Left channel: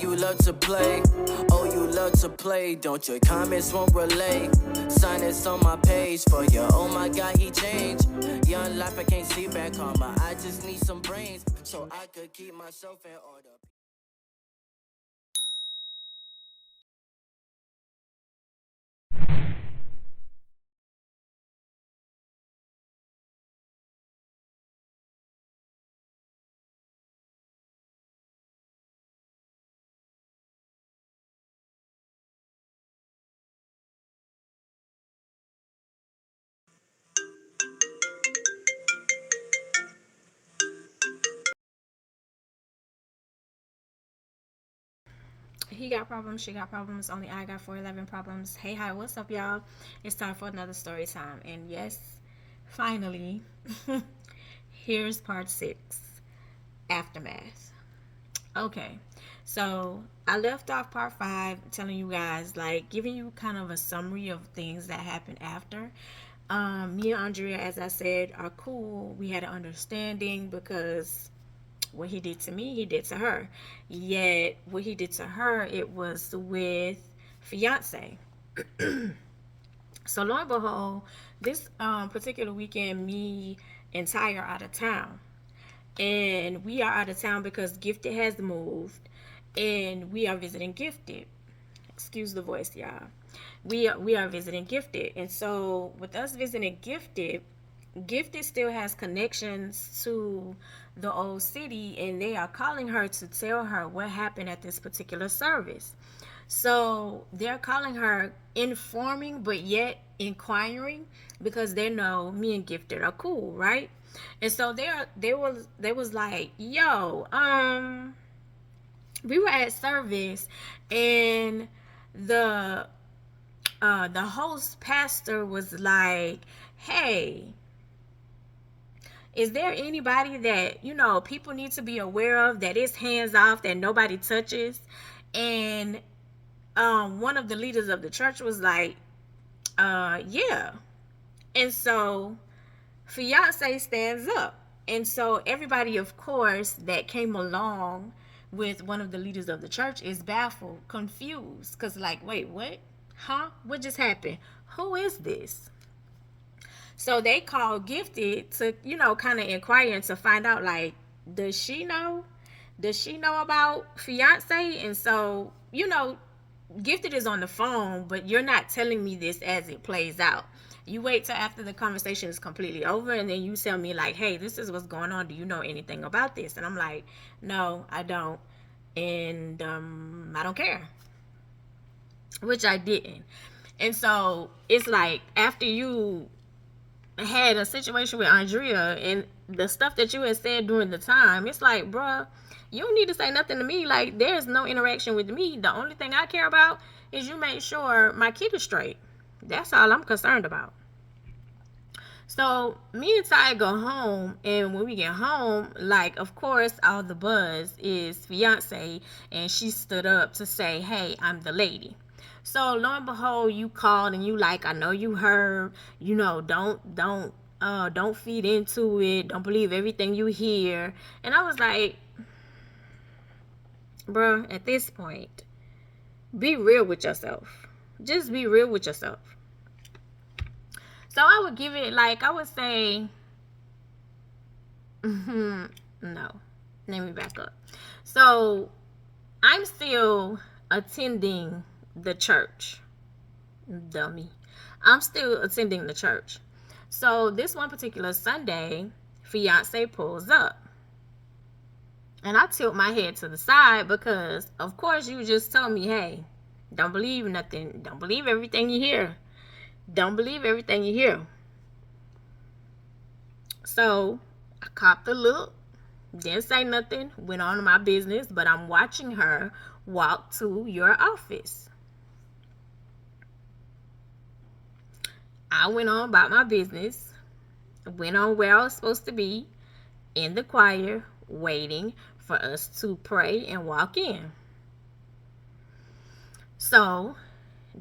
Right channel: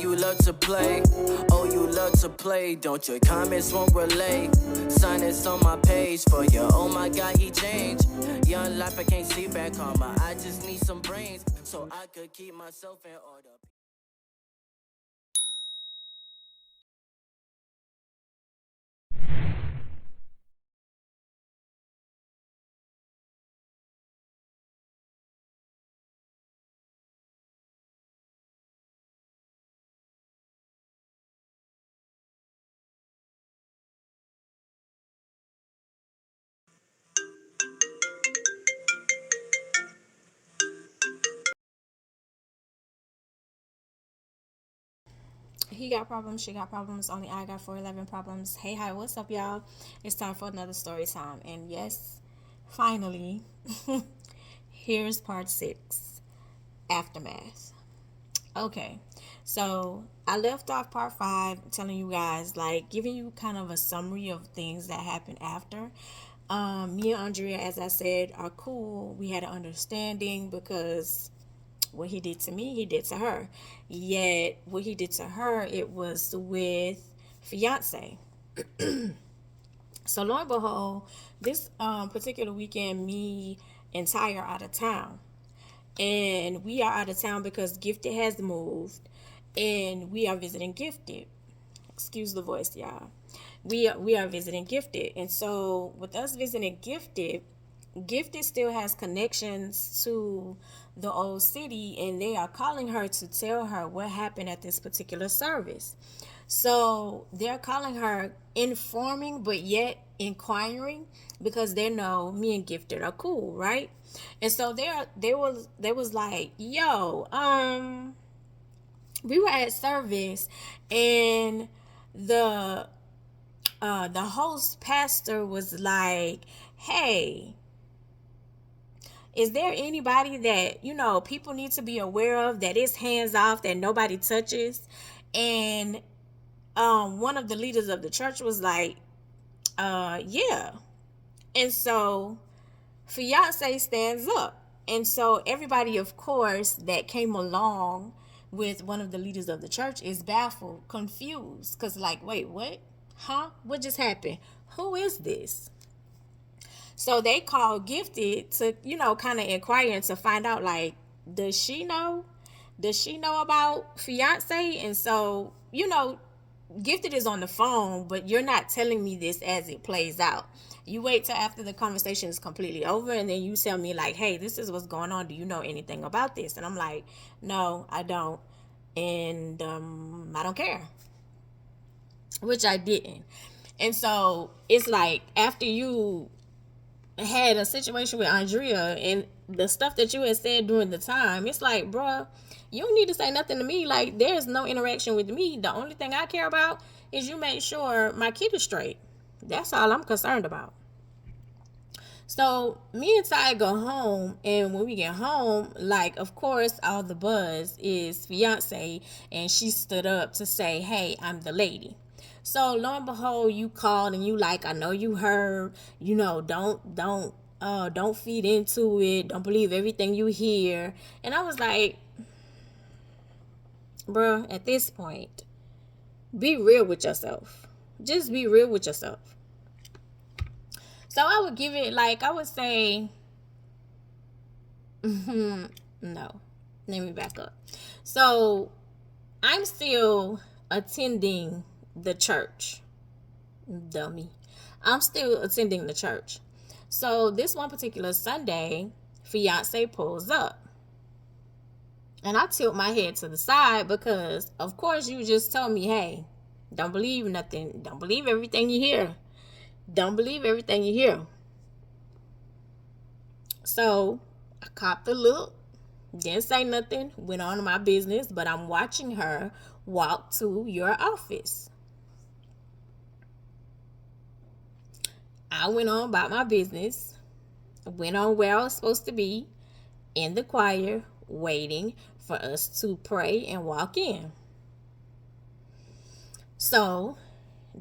you love to play. Oh, you love to play. Don't your comments won't relay. Sign this on my page for you. Oh my God, he changed. Young life, I can't see back karma. I just need some brains so I could keep myself in order. He got problems, she got problems, only I got 411 problems. Hey, hi, what's up, y'all? It's time for another story time. And yes, finally, here's part 6, Aftermath. Okay, so I left off part 5 telling you guys, like, giving you kind of a summary of things that happened after. Me and Andrea, as I said, are cool. We had an understanding because what he did to me, he did to her. Yet, what he did to her, it was with fiance. So lo and behold, this particular weekend, me and Ty are out of town, and we are out of town because Gifted has moved, and we are visiting Gifted. Excuse the voice, y'all. We are visiting Gifted, and so with us visiting Gifted, Gifted still has connections to the old city, and they are calling her to tell her what happened at this particular service. So they're calling her, informing but yet inquiring, because they know me and Gifted are cool, right? And so they was like, yo, we were at service, and the the host pastor was like, hey, is there anybody that people need to be aware of, that is hands off, that nobody touches? And one of the leaders of the church was like, yeah. And so fiance stands up, and so everybody, of course, that came along with one of the leaders of the church is baffled, confused, because like, wait, what? Huh? What just happened? Who is this? So they called Gifted to, kind of inquire and to find out, like, does she know? Does she know about fiance? And so, Gifted is on the phone, but you're not telling me this as it plays out. You wait till after the conversation is completely over, and then you tell me, like, hey, this is what's going on. Do you know anything about this? And I'm like, no, I don't. And I don't care. Which I didn't. And so it's like, after you had a situation with Andrea and the stuff that you had said during the time, it's like, bruh, you don't need to say nothing to me. Like, there's no interaction with me. The only thing I care about is you make sure my kid is straight. That's all I'm concerned about. So me and Ty go home, and when we get home, like, of course, all the buzz is fiance, and she stood up to say, hey, I'm the lady. So lo and behold, you called and you like, I know you heard, don't feed into it. Don't believe everything you hear. And I was like, bruh, at this point, be real with yourself. Just be real with yourself. So I would give it, like, I would say, no. Let me back up. So I'm still attending the church. Dummy. I'm still attending the church. So this one particular Sunday, fiance pulls up. And I tilt my head to the side because, of course, you just told me, hey, don't believe nothing. Don't believe everything you hear. Don't believe everything you hear. So I copped a look, didn't say nothing, went on to my business, but I'm watching her walk to your office. I went on about my business, went on where I was supposed to be, in the choir, waiting for us to pray and walk in. So,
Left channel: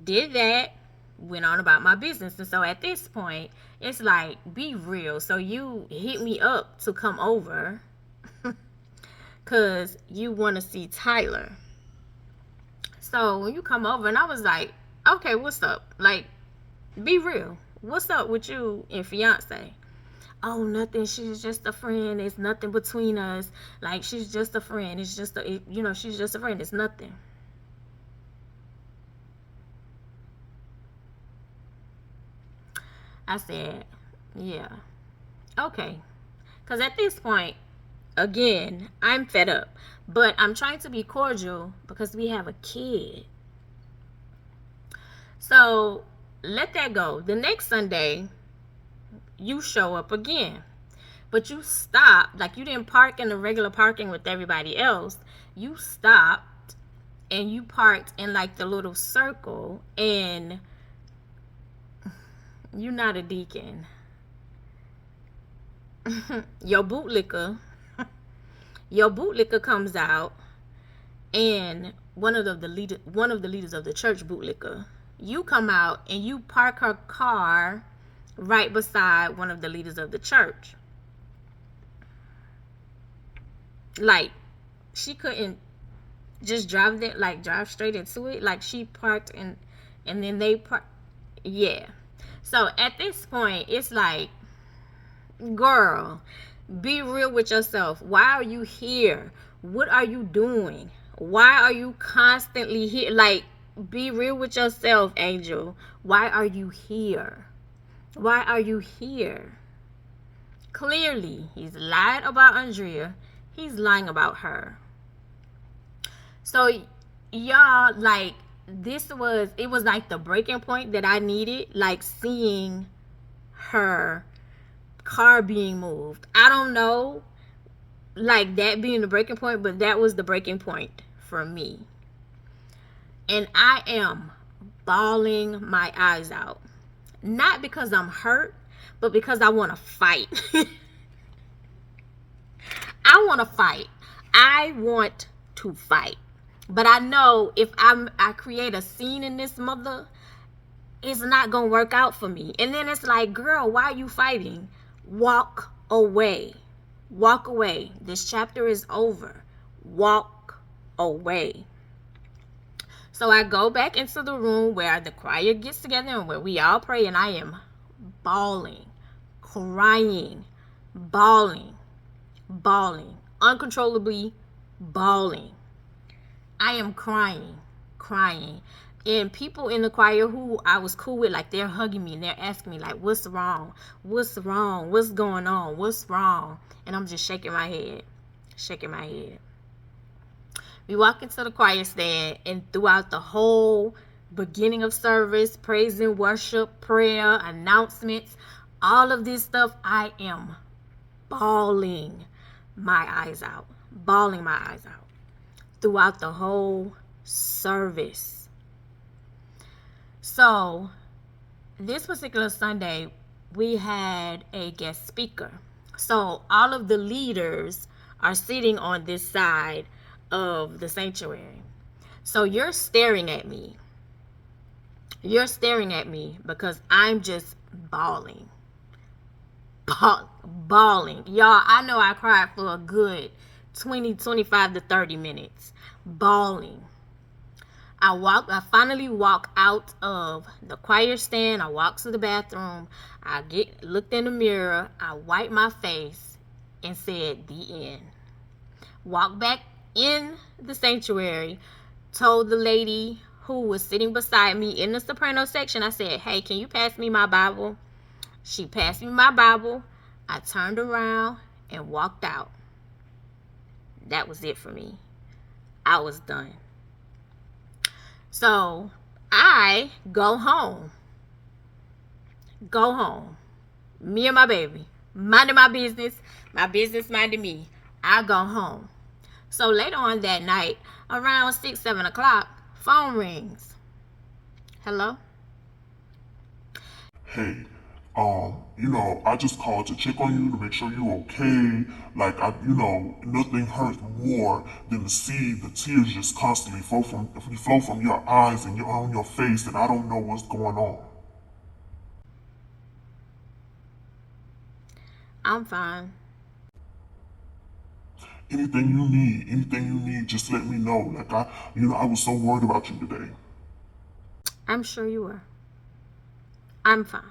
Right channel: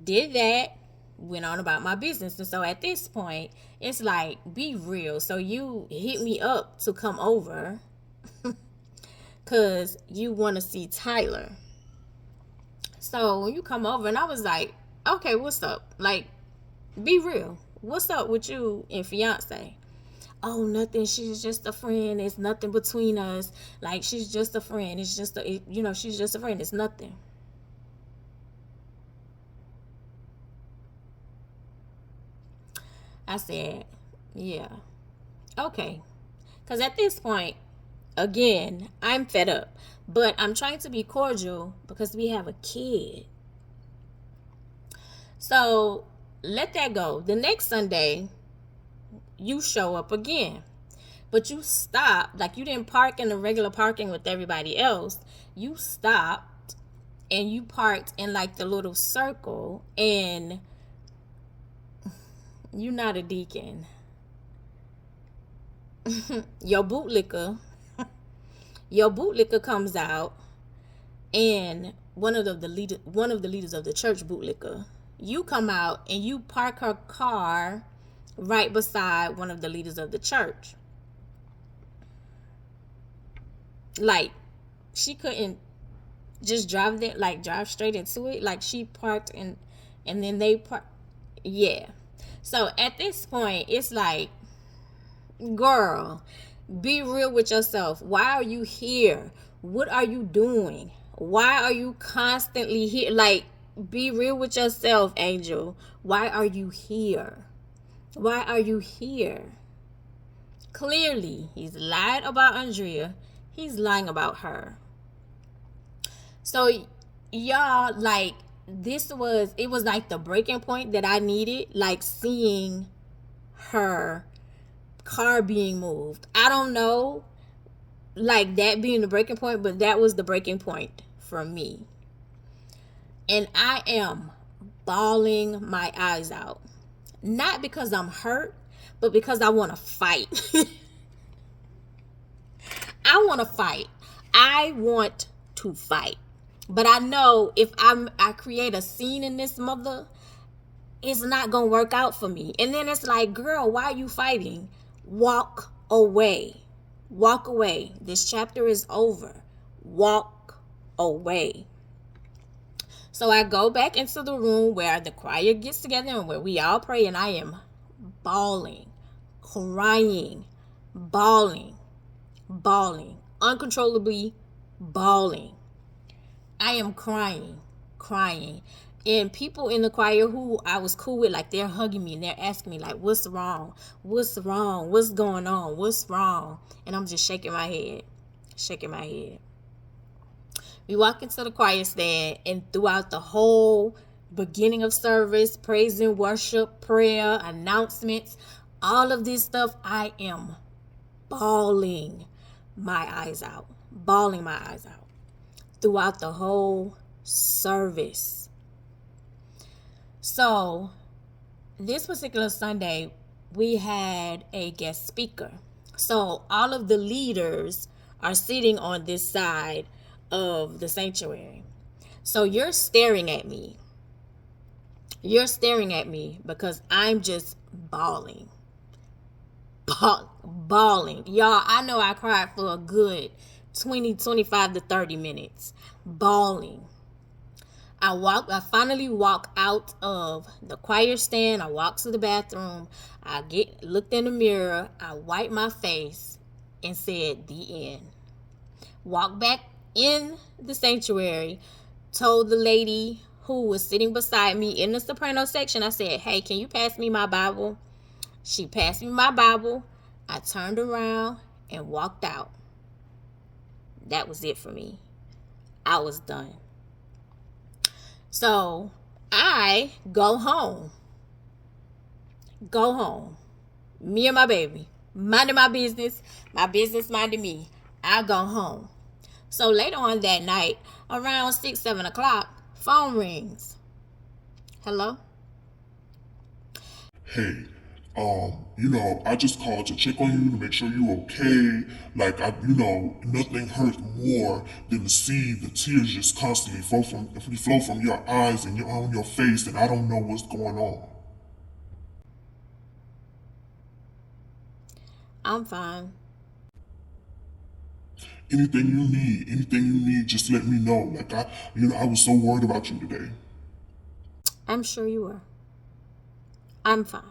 did that, went on about my business. And so at this point, it's like, be real. So you hit me up to come over because you want to see Tyler. So when you come over, and I was like, okay, what's up? Like, be real. What's up with you and fiance? Oh, nothing. She's just a friend. It's nothing between us. Like, she's just a friend. It's just she's just a friend. It's nothing. I said, yeah, okay. Because at this point, again, I'm fed up. But I'm trying to be cordial because we have a kid. So let that go. The next Sunday, you show up again. But you stopped. Like, you didn't park in the regular parking with everybody else. You stopped and you parked in like the little circle, and you're not a deacon. Your bootlicker comes out, and one of the leaders of the church, bootlicker, you come out and you park her car right beside one of the leaders of the church. Like, she couldn't just drive straight into it. Like, she parked and then they parked. Yeah. So at this point, it's like, girl, be real with yourself. Why are you here? What are you doing? Why are you constantly here? Like, be real with yourself, Angel. Why are you here? Why are you here? Clearly, he's lied about Andrea. He's lying about her. So, y'all, like, it was like the breaking point that I needed, like seeing her car being moved. I don't know, like, that being the breaking point, but that was the breaking point for me. And I am bawling my eyes out. Not because I'm hurt, but because I want to fight. I want to fight. I want to fight. But I know if I create a scene in this mother, it's not going to work out for me. And then it's like, girl, why are you fighting? Walk away. Walk away. This chapter is over. Walk away. So I go back into the room where the choir gets together and where we all pray, and I am bawling, crying, bawling, uncontrollably bawling. I am crying. And people in the choir who I was cool with, like, they're hugging me and they're asking me, like, what's wrong? What's going on? What's wrong? And I'm just shaking my head. We walk into the choir stand, and throughout the whole beginning of service, praise and worship, prayer, announcements, all of this stuff, I am bawling my eyes out. Throughout the whole service. So, this particular Sunday, we had a guest speaker. So, all of the leaders are sitting on this side of the sanctuary. So, you're staring at me. Because I'm just bawling. Y'all, I know I cried for a good 25 to 30 minutes. Bawling. I finally walk out of the choir stand. I walk to the bathroom. I looked in the mirror. I wiped my face and said, the end. Walked back in the sanctuary. Told the lady who was sitting beside me in the soprano section, I said, hey, can you pass me my Bible? She passed me my Bible. I turned around and walked out. That was it for me. I was done. So I go home. Me and my baby. Minding my business minding me. I go home. So later on that night, around 6, 7 o'clock, phone rings. Hello? Hey, I just called to check on you to make sure you're okay. Like, nothing hurts more than to see the tears just constantly flow from your eyes and on your face, and I don't know what's going on. I'm fine. anything you need, just let me know. Like I was so worried about you today. I'm sure you were. I'm fine.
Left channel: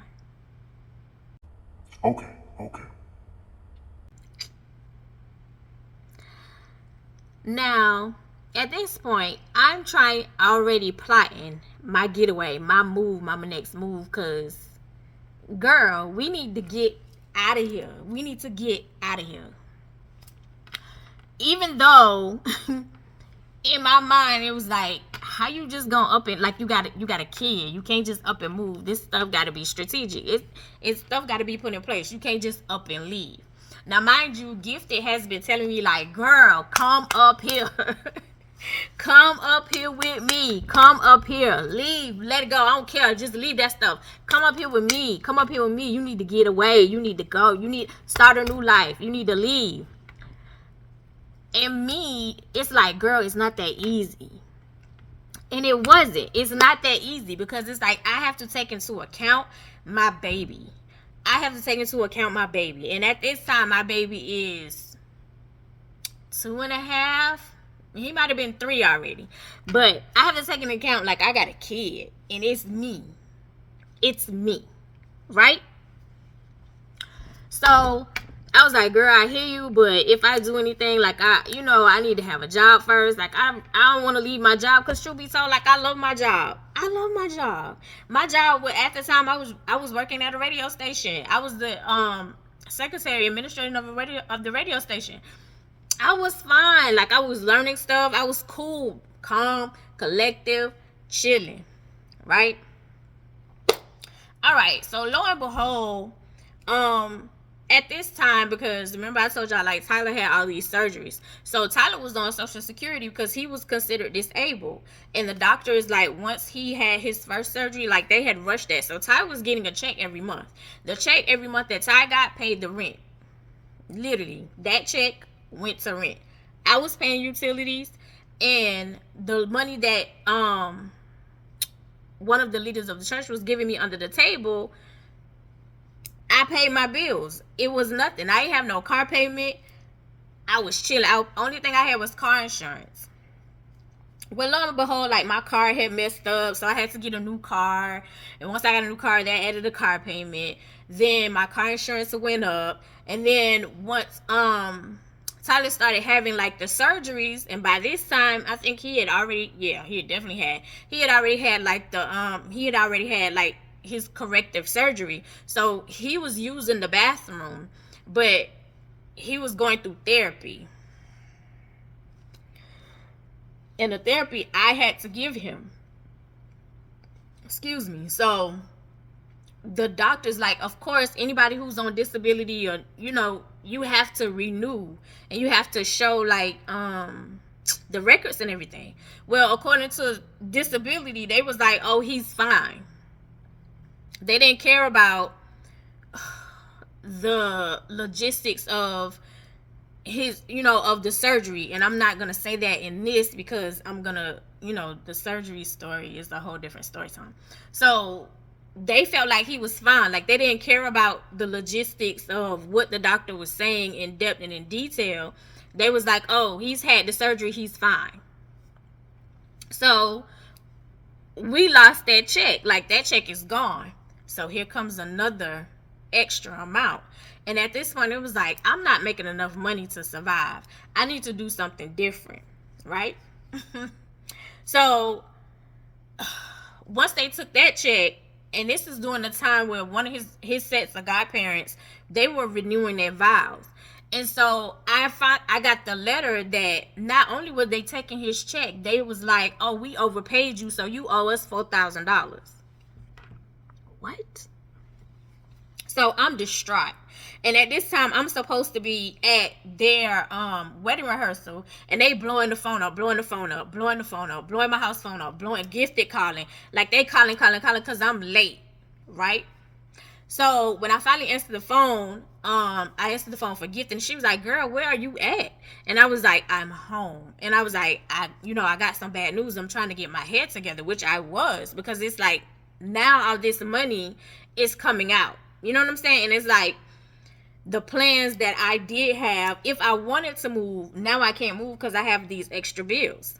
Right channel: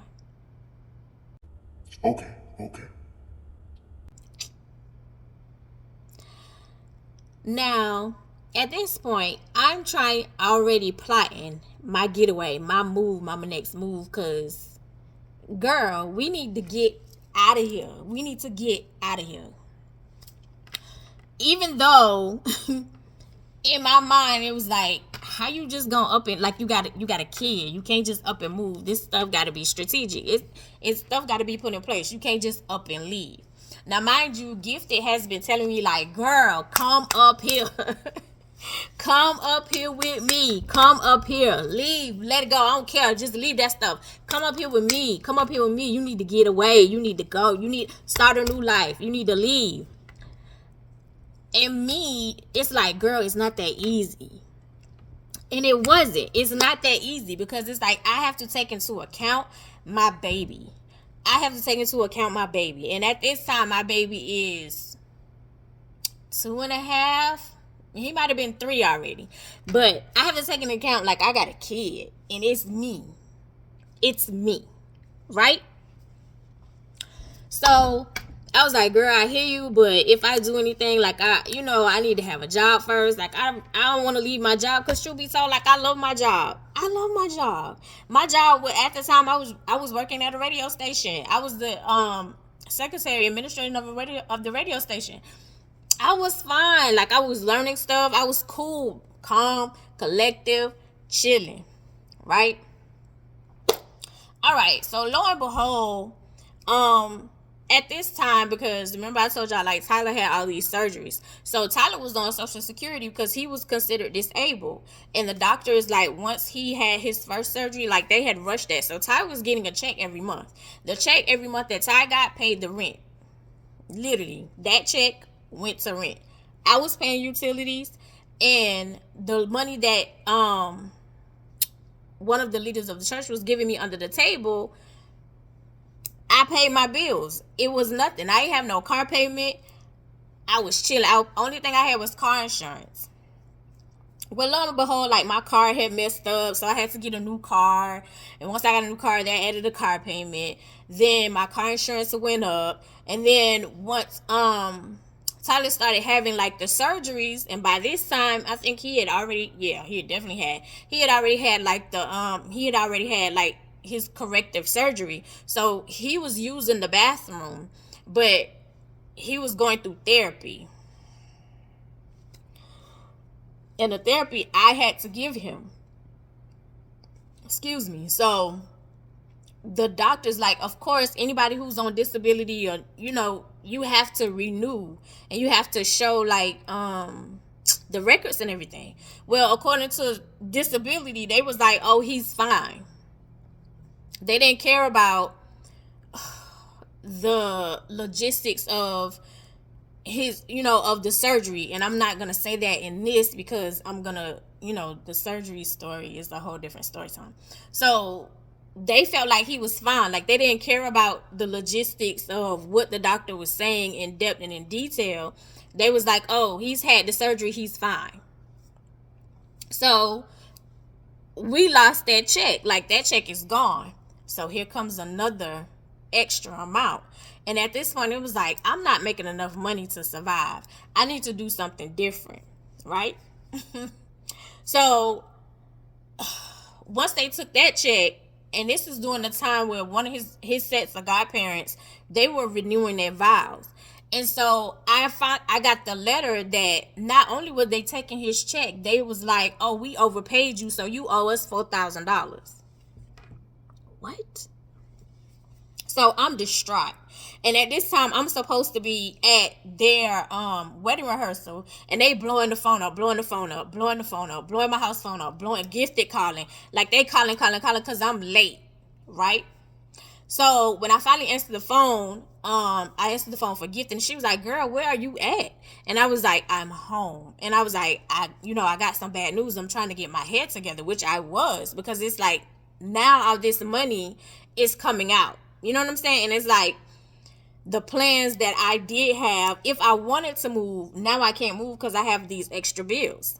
Okay, okay. Now, at this point, I'm already plotting my getaway, my next move, because, girl, we need to get out of here. We need to get out of here. Even though, in my mind, it was like, how you just gonna up and, like, you got a kid. You can't just up and move. This stuff got to be strategic. It's stuff got to be put in place. You can't just up and leave. Now, mind you, Gifted has been telling me, like, girl, come up here. Come up here with me. Come up here. Leave. Let it go. I don't care. Just leave that stuff. Come up here with me. Come up here with me. You need to get away. You need to go. You need to start a new life. You need to leave. And me, it's like, girl, it's not that easy. And it wasn't. It's not that easy because it's like I have to take into account my baby. I have to take into account my baby. And at this time, my baby is 2.5. He might have been 3 already. But I have to take into account, like, I got a kid. And it's me. It's me. Right? So, I was like, girl, I hear you. But if I do anything, like, I need to have a job first. Like, I don't want to leave my job. Because truth be told, like, I love my job. I love my job. My job, at the time, I was working at a radio station. I was the secretary, administrator of the radio station. I was fine. Like, I was learning stuff. I was cool, calm, collective, chilling. Right? All right. So, lo and behold, at this time, because remember I told y'all, like, Tyler had all these surgeries. So Tyler was on Social Security because he was considered disabled. And the doctor is like, once he had his first surgery, like, they had rushed that. So Ty was getting a check every month. The check every month that Ty got paid the rent. Literally, that check went to rent. I was paying utilities, and the money that one of the leaders of the church was giving me under the table, I paid my bills. It was nothing. I didn't have no car payment. I was chilling. Only thing I had was car insurance. Well, lo and behold, like, my car had messed up, so I had to get a new car. And once I got a new car, that added a car payment. Then my car insurance went up. And then once Tyler started having, like, the surgeries, and by this time, I think he had already had like his corrective surgery. So he was using the bathroom, but he was going through therapy. And the therapy I had to give him. Excuse me. So the doctor's like, of course, anybody who's on disability, or, you have to renew and you have to show, like, the records and everything. Well, according to disability, they was like, oh, he's fine. They didn't care about the logistics of his, of the surgery. And I'm not going to say that in this because I'm going to, the surgery story is a whole different story time. So they felt like he was fine. Like, they didn't care about the logistics of what the doctor was saying in depth and in detail. They was like, oh, he's had the surgery, he's fine. So we lost that check. Like, that check is gone. So here comes another extra amount. And at this point, it was like, I'm not making enough money to survive. I need to do something different, right? So once they took that check, and this is during the time where one of his sets of godparents, they were renewing their vows. And so I got the letter that not only were they taking his check, they was like, oh, we overpaid you, so you owe us $4,000. What? So I'm distraught. And at this time, I'm supposed to be at their wedding rehearsal, and they blowing the phone up, blowing my house phone up, blowing Gifted calling. Like, they calling because I'm late, right? So when I finally answered the phone, I answered the phone for Gifted, and she was like, girl, where are you at? And I was like, I'm home. And I was like, I got some bad news. I'm trying to get my head together, which I was, because it's like, now all this money is coming out. You know what I'm saying? And it's like, the plans that I did have. If I wanted to move, now I can't move because I have these extra bills.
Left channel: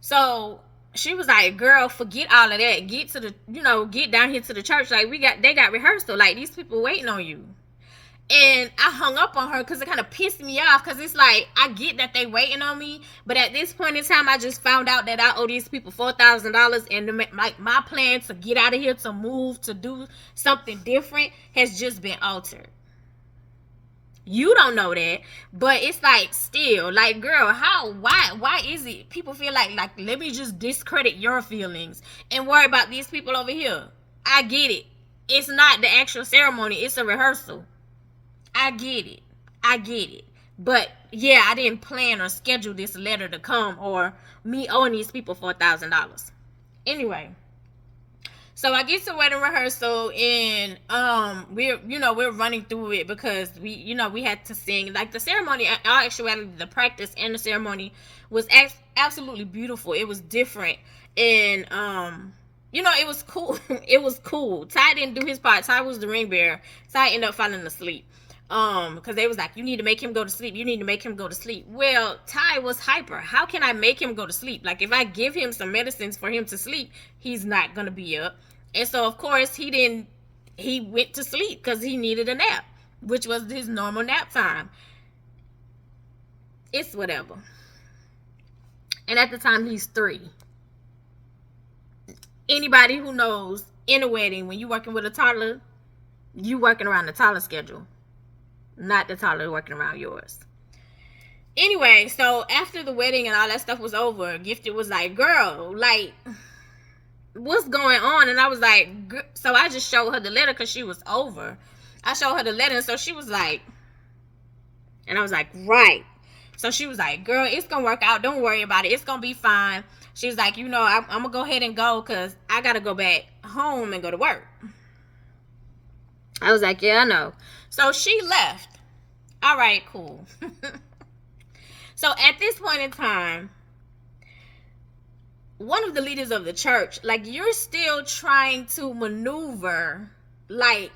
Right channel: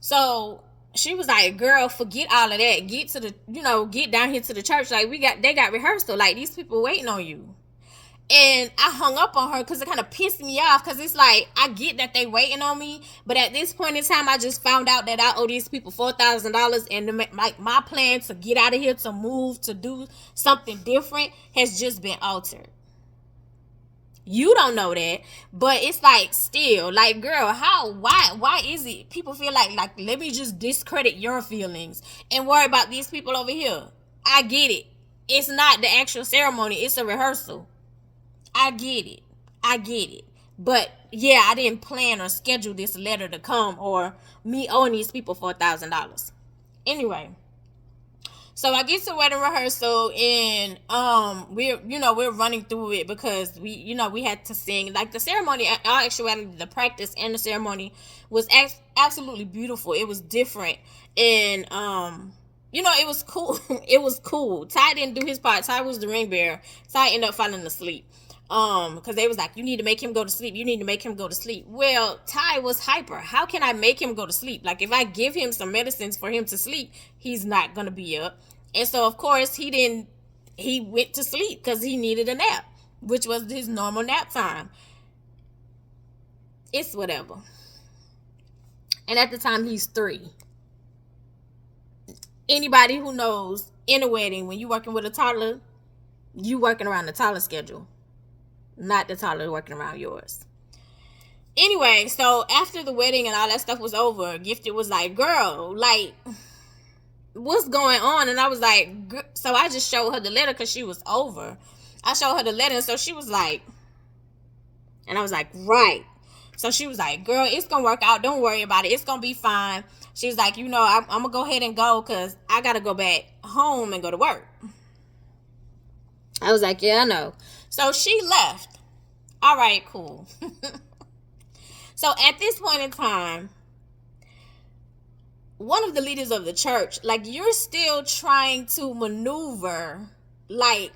So she was like, girl, forget all of that. Get to the, get down here to the church. Like, they got rehearsal. Like, these people waiting on you. And I hung up on her because it kind of pissed me off, because it's like, I get that they waiting on me, but at this point in time, I just found out that I owe these people $4,000, and my plan to get out of here, to move, to do something different has just been altered. You don't know that, but it's like, still, like, girl, why is it people feel like let me just discredit your feelings and worry about these people over here? I get it. It's not the actual ceremony, it's a rehearsal. I get it. But yeah, I didn't plan or schedule this letter to come, or me owing these people $4,000. Anyway, so I get to wedding rehearsal, and we're running through it because we had to sing. Like, the ceremony, in actuality, the practice and the ceremony was absolutely beautiful. It was different, and it was cool. It was cool. Ty didn't do his part. Ty was the ring bearer. Ty ended up falling asleep. Because they was like, you need to make him go to sleep. Well, Ty was hyper. How can I make him go to sleep? Like, if I give him some medicines for him to sleep, he's not gonna be up. And so, of course, he went to sleep because he needed a nap, which was his normal nap time. It's whatever. And at the time, he's 3. Anybody who knows, in a wedding, when you're working with a toddler, you working around the toddler schedule, not the toddler working around yours. Anyway, so after the wedding and all that stuff was over, Gifted was like, girl, like, what's going on? And I was like, so I just showed her the letter because she was over. I showed her the letter, and so she was like, and I was like, right. So she was like, girl, it's going to work out. Don't worry about it. It's going to be fine. She was like, I'm going to go ahead and go because I got to go back home and go to work. I was like, yeah, I know. So she left. All right, cool. So at this point in time, one of the leaders of the church, like, you're still trying to maneuver, like,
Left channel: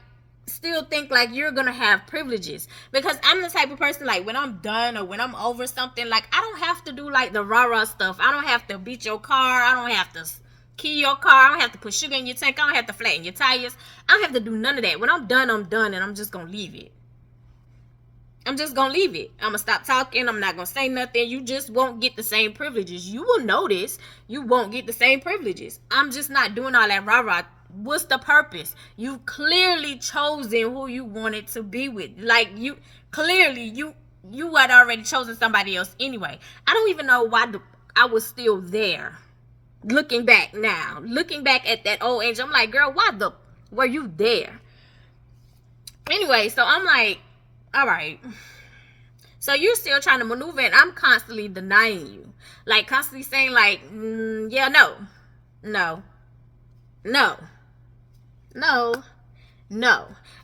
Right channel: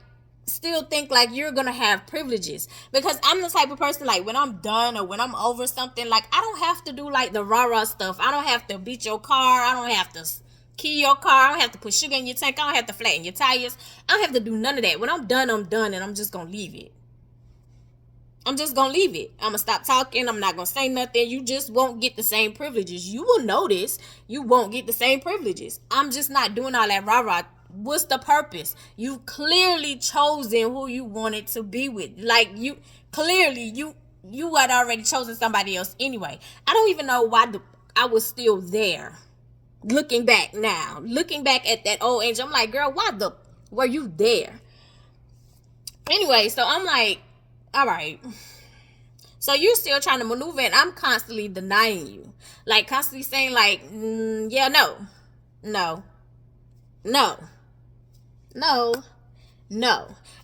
still think like you're gonna have privileges, because I'm the type of person, like, when I'm done or when I'm over something, like, I don't have to do like the rah-rah stuff. I don't have to beat your car. I don't have to key your car. I don't have to put sugar in your tank. I don't have to flatten your tires. I don't have to do none of that. When I'm done, I'm done, and I'm just gonna leave it. I'm gonna stop talking. I'm not gonna say nothing. You just won't get the same privileges. You will notice you won't get the same privileges. I'm just not doing all that rah-rah. What's the purpose? You've clearly chosen who you wanted to be with. Like, you had already chosen somebody else anyway. I don't even know why I was still there. Looking back at that old age, I'm like, girl, why were you there? Anyway, so I'm like, all right. So you're still trying to maneuver, and I'm constantly denying you. Like, constantly saying, like, yeah, no.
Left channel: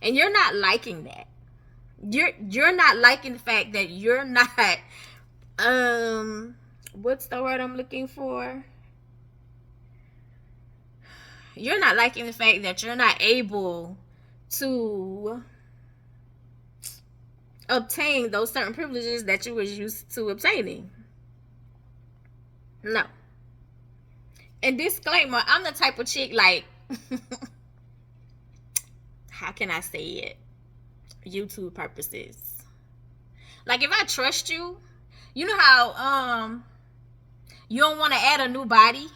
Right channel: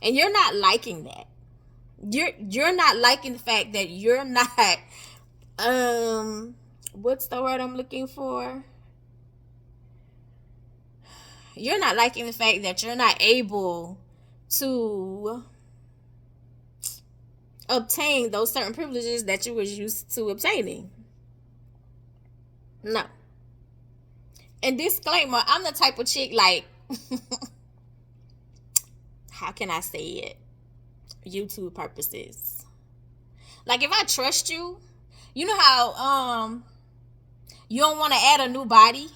And you're not liking that. You're not liking the fact that you're not, what's the word I'm looking for? You're not liking the fact that you're not able to obtain those certain privileges that you was used to obtaining. No. And disclaimer, I'm the type of chick, like, how can I say it? YouTube purposes. Like, if I trust you, you know how you don't want to add a new body.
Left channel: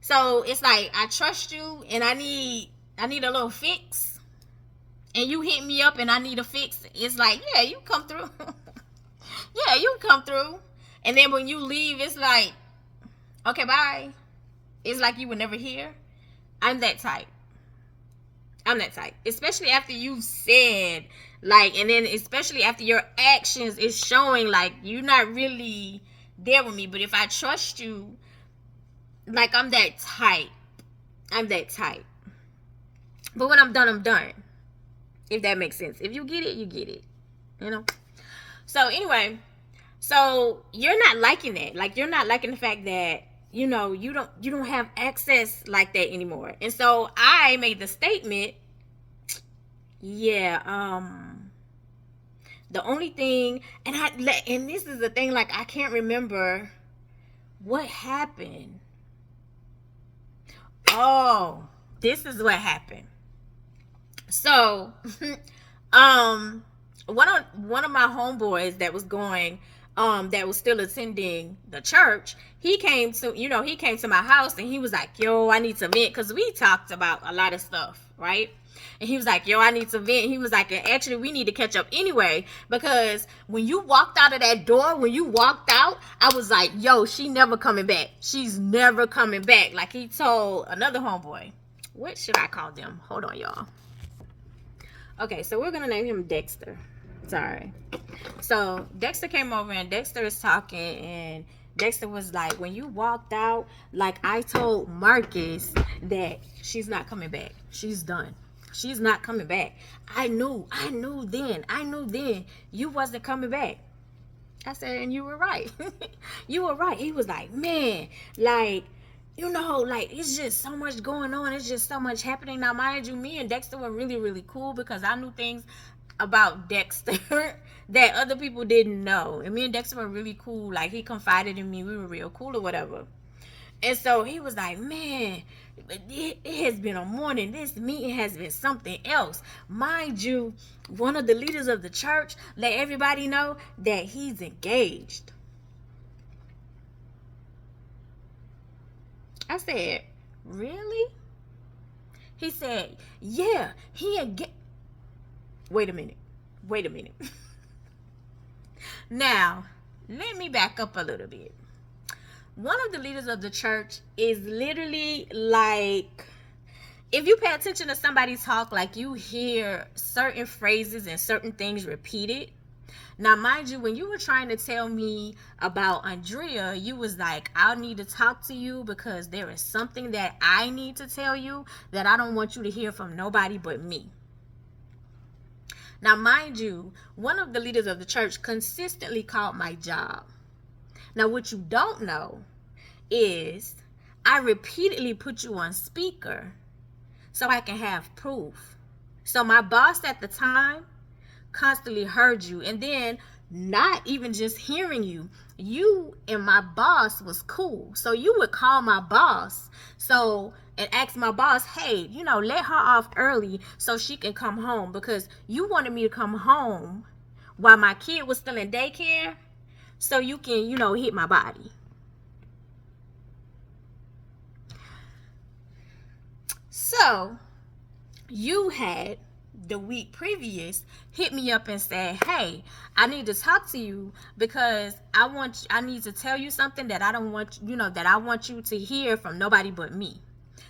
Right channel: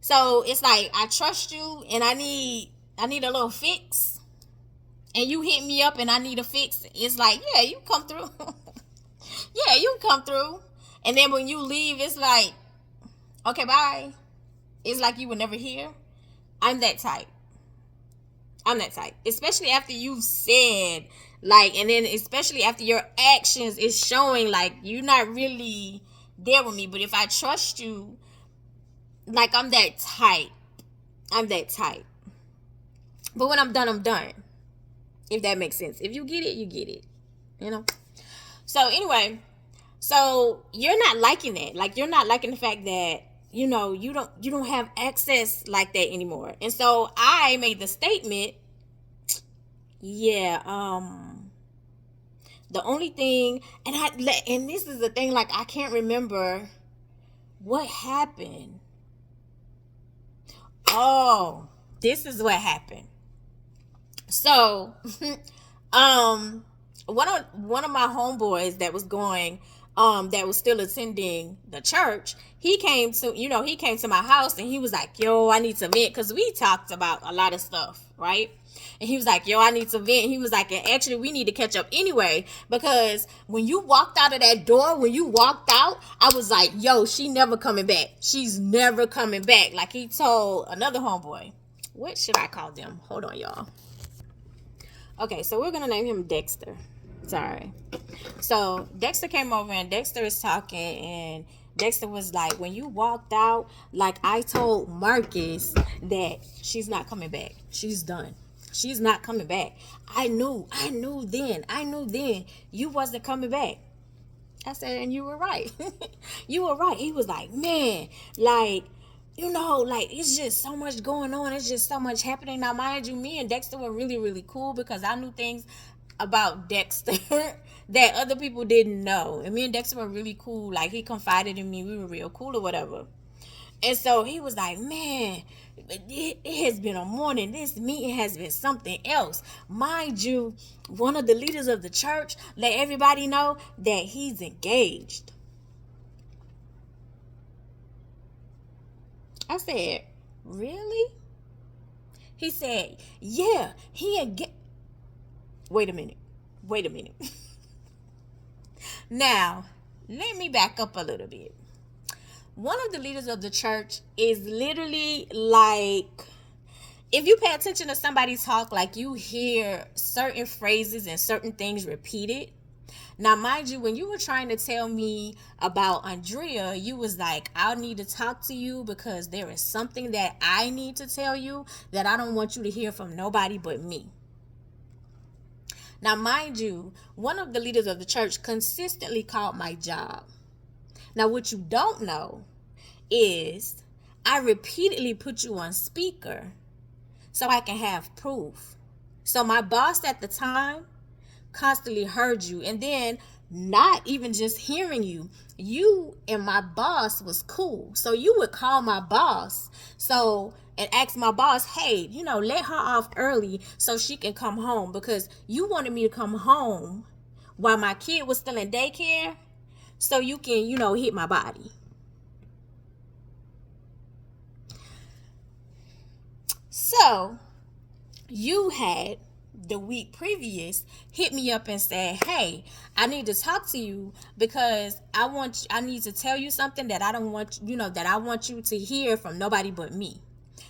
So it's like, I trust you, and I need a little fix. And you hit me up and I need a fix. It's like, yeah, you come through. Yeah, you come through. And then when you leave, it's like, okay, bye. It's like you were never here. I'm that type. Especially after you said, like, and then especially after your actions is showing, like, you're not really there with me. But if I trust you, like, I'm that type. But when I'm done, I'm done. If that makes sense. If you get it, you get it. So anyway, so you're not liking that. Like, you're not liking the fact that, you don't have access like that anymore. And so I made the statement, yeah, the only thing, and this is the thing, like, I can't remember what happened. Oh, this is what happened. So, one of my homeboys that was going, that was still attending the church, he came to my house, and he was like, yo, I need to vent, because we talked about a lot of stuff, right? And he was like, yo, I need to vent. He was like, and actually, we need to catch up anyway, because when you walked out of that door, when you walked out, I was like, yo, she never coming back. She's never coming back. Like, he told another homeboy. What should I call them? Hold on, y'all. Okay, so we're gonna name him Dexter. Sorry. So Dexter came over, and Dexter is talking, and Dexter was like, when you walked out, like, I told Marcus that she's not coming back. She's done. She's not coming back. I knew then you wasn't coming back. I said, and you were right. You were right. He was like, man, like, like, it's just so much going on. It's just so much happening. Now, mind you, me and Dexter were really, really cool, because I knew things about Dexter that other people didn't know. And me and Dexter were really cool. Like, he confided in me. We were real cool or whatever. And so he was like, man, it has been a morning. This meeting has been something else. Mind you, one of the leaders of the church let everybody know that he's engaged. I said, really? He said, yeah, he engaged. Wait a minute. Now, let me back up a little bit. One of the leaders of the church is literally like, if you pay attention to somebody talk, like, you hear certain phrases and certain things repeated. Now, mind you, when you were trying to tell me about Andrea, you was like, I need to talk to you because there is something that I need to tell you that I don't want you to hear from nobody but me. Now, mind you, one of the leaders of the church consistently called my job. Now, what you don't know is I repeatedly put you on speaker so I can have proof. So my boss at the time constantly heard you, and then not even just hearing you, you and my boss was cool. So you would call my boss and ask my boss, hey, let her off early so she can come home, because you wanted me to come home while my kid was still in daycare so you can, hit my body. So you had the week previous hit me up and said, hey, I need to talk to you because I need to tell you something that I don't want, that I want you to hear from nobody but me.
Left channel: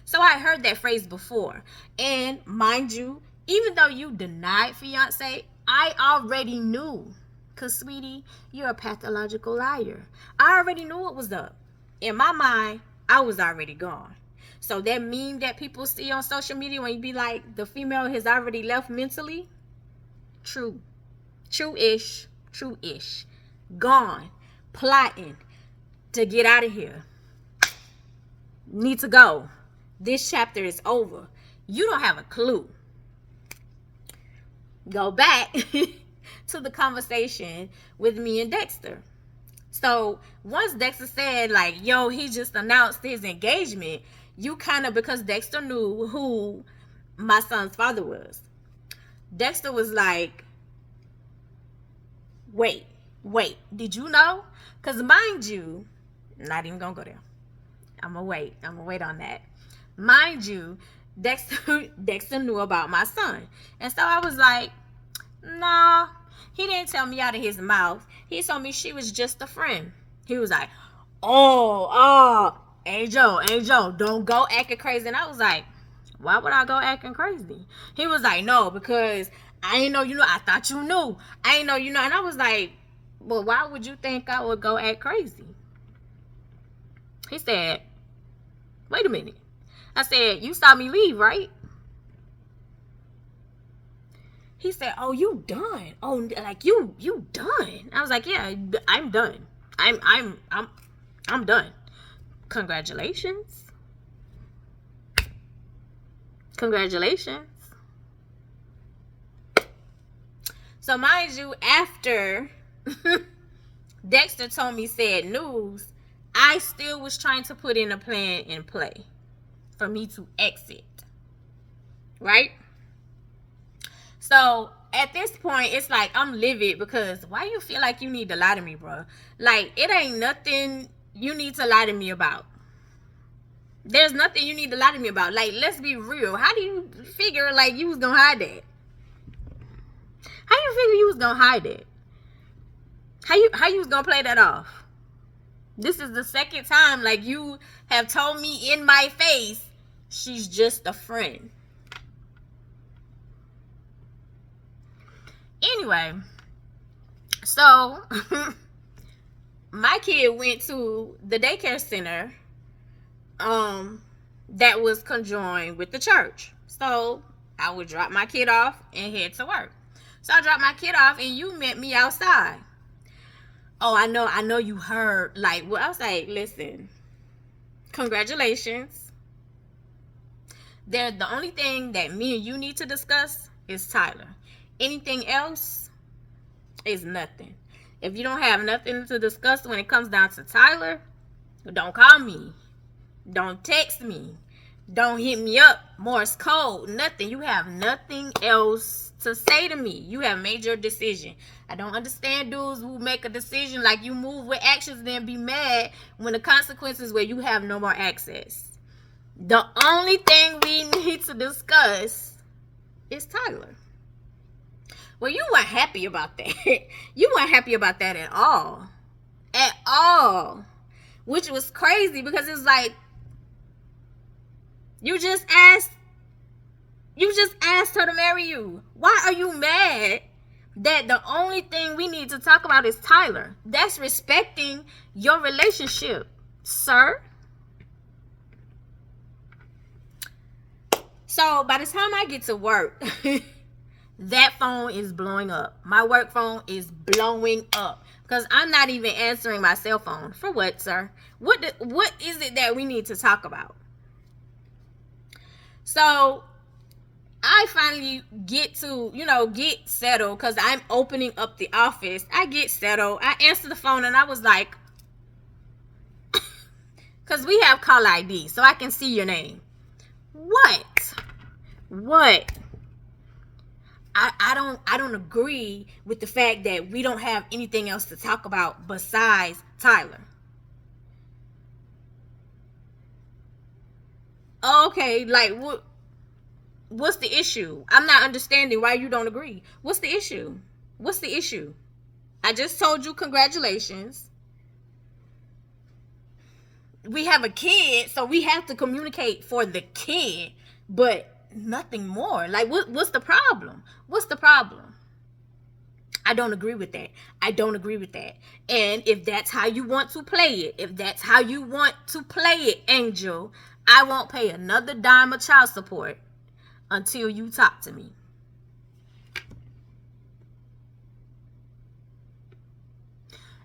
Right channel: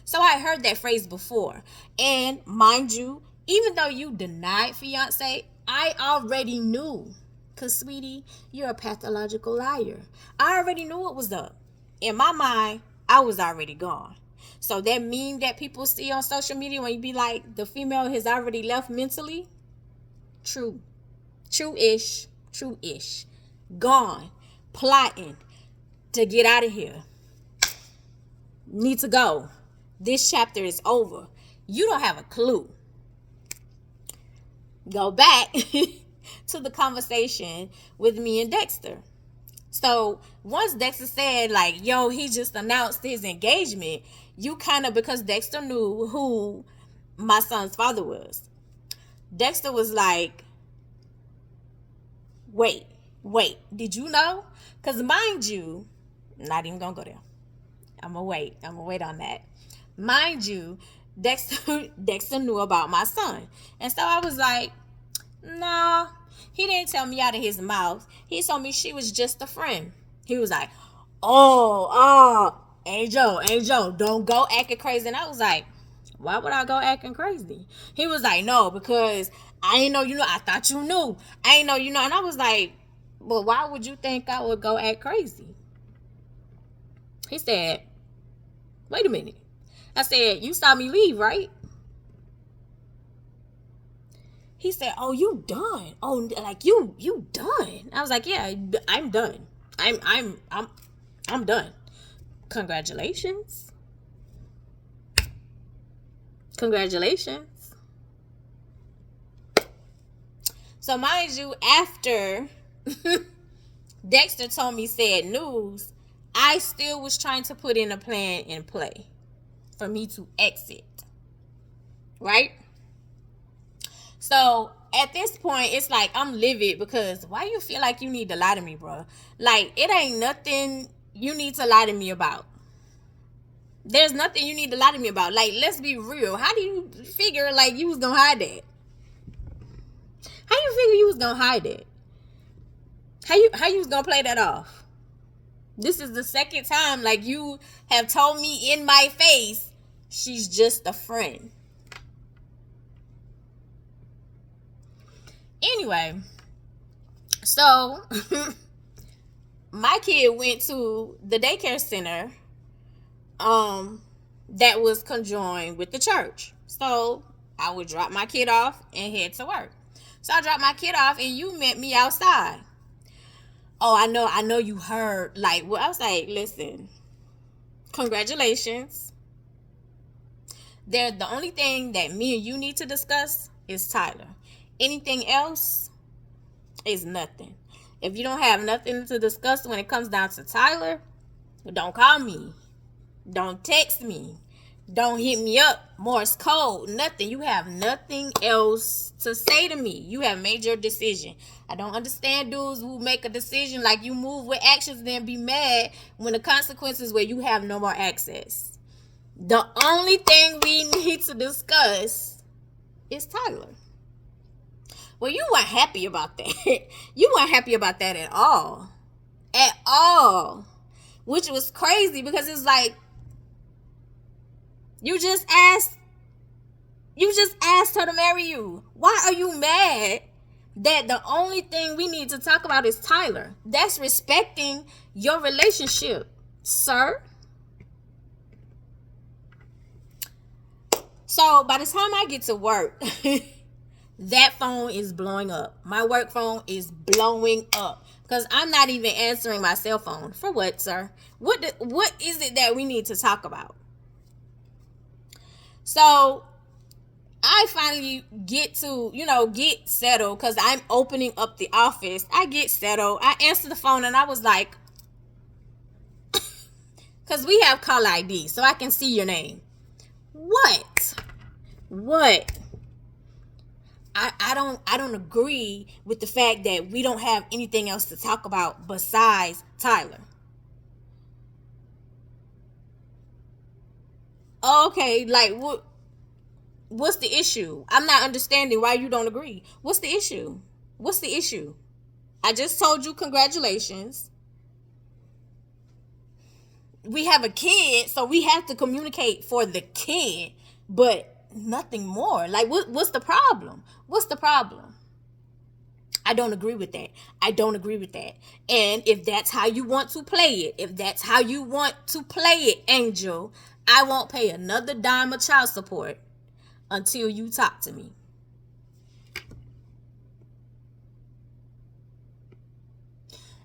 So I heard that phrase before. And mind you, even though you denied fiance, I already knew. Because, sweetie, you're a pathological liar. I already knew what was up. In my mind, I was already gone. So that meme that people see on social media when you be like, the female has already left mentally. True. True-ish. Gone. Plotting to get out of here. Need to go. This chapter is over. You don't have a clue. Go back to the conversation with me and Dexter. So once Dexter said, like, yo, he just announced his engagement, you kind of, because Dexter knew who my son's father was, Dexter was like, wait, did you know? Because mind you, not even gonna go there. I'm gonna wait on that. Mind you, Dexter knew about my son. And so I was like, nah, he didn't tell me out of his mouth. He told me she was just a friend. He was like, oh, Angel, don't go acting crazy. And I was like, why would I go acting crazy? He was like, no, because I ain't know you know. I thought you knew. I ain't know you know. And I was like, well, why would you think I would go act crazy? He said, wait a minute. I said, you saw me leave, right? He said, oh, you done. Oh, like you done. I was like, yeah, I'm done. I'm done. Congratulations. So mind you, after Dexter told me said news, I still was trying to put in a plan in play for me to exit. Right? So at this point, it's like I'm livid because why you feel like you need to lie to me, bro? Like, it ain't nothing you need to lie to me about. There's nothing you need to lie to me about. Like, let's be real. How do you figure like you was gonna hide that? How you figure you was gonna hide it? How you was gonna play that off? This is the second time like you have told me in my face she's just a friend. Anyway, so my kid went to the daycare center that was conjoined with the church. So I would drop my kid off and head to work. So I dropped my kid off and you met me outside. Oh, I know you heard. Like, well, I was like, listen, congratulations. The only thing that me and you need to discuss is Tyler. Anything else is nothing. If you don't have nothing to discuss when it comes down to Tyler, don't call me. Don't text me. Don't hit me up. Morse code. Nothing. You have nothing else to say to me. You have made your decision. I don't understand dudes who make a decision like you move with actions then be mad when the consequences where you have no more access. The only thing we need to discuss is Tyler. Well, you weren't happy about that. You weren't happy about that at all. At all. Which was crazy because it's like, you just asked her to marry you. Why are you mad that the only thing we need to talk about is Tyler? That's respecting your relationship, sir. So by the time I get to work, that phone is blowing up. My work phone is blowing up because I'm not even answering my cell phone. For what, sir? What is it that we need to talk about? So I finally get to, get settled because I'm opening up the office. I get settled. I answer the phone and I was like, because we have call ID, so I can see your name. What? I don't agree with the fact that we don't have anything else to talk about besides Tyler. Okay, like what's the issue? I'm not understanding why you don't agree. What's the issue? I just told you congratulations. We have a kid, so we have to communicate for the kid, but nothing more. Like, what's the problem? I don't agree with that. And if that's how you want to play it, Angel, I won't pay another dime of child support until you talk to me.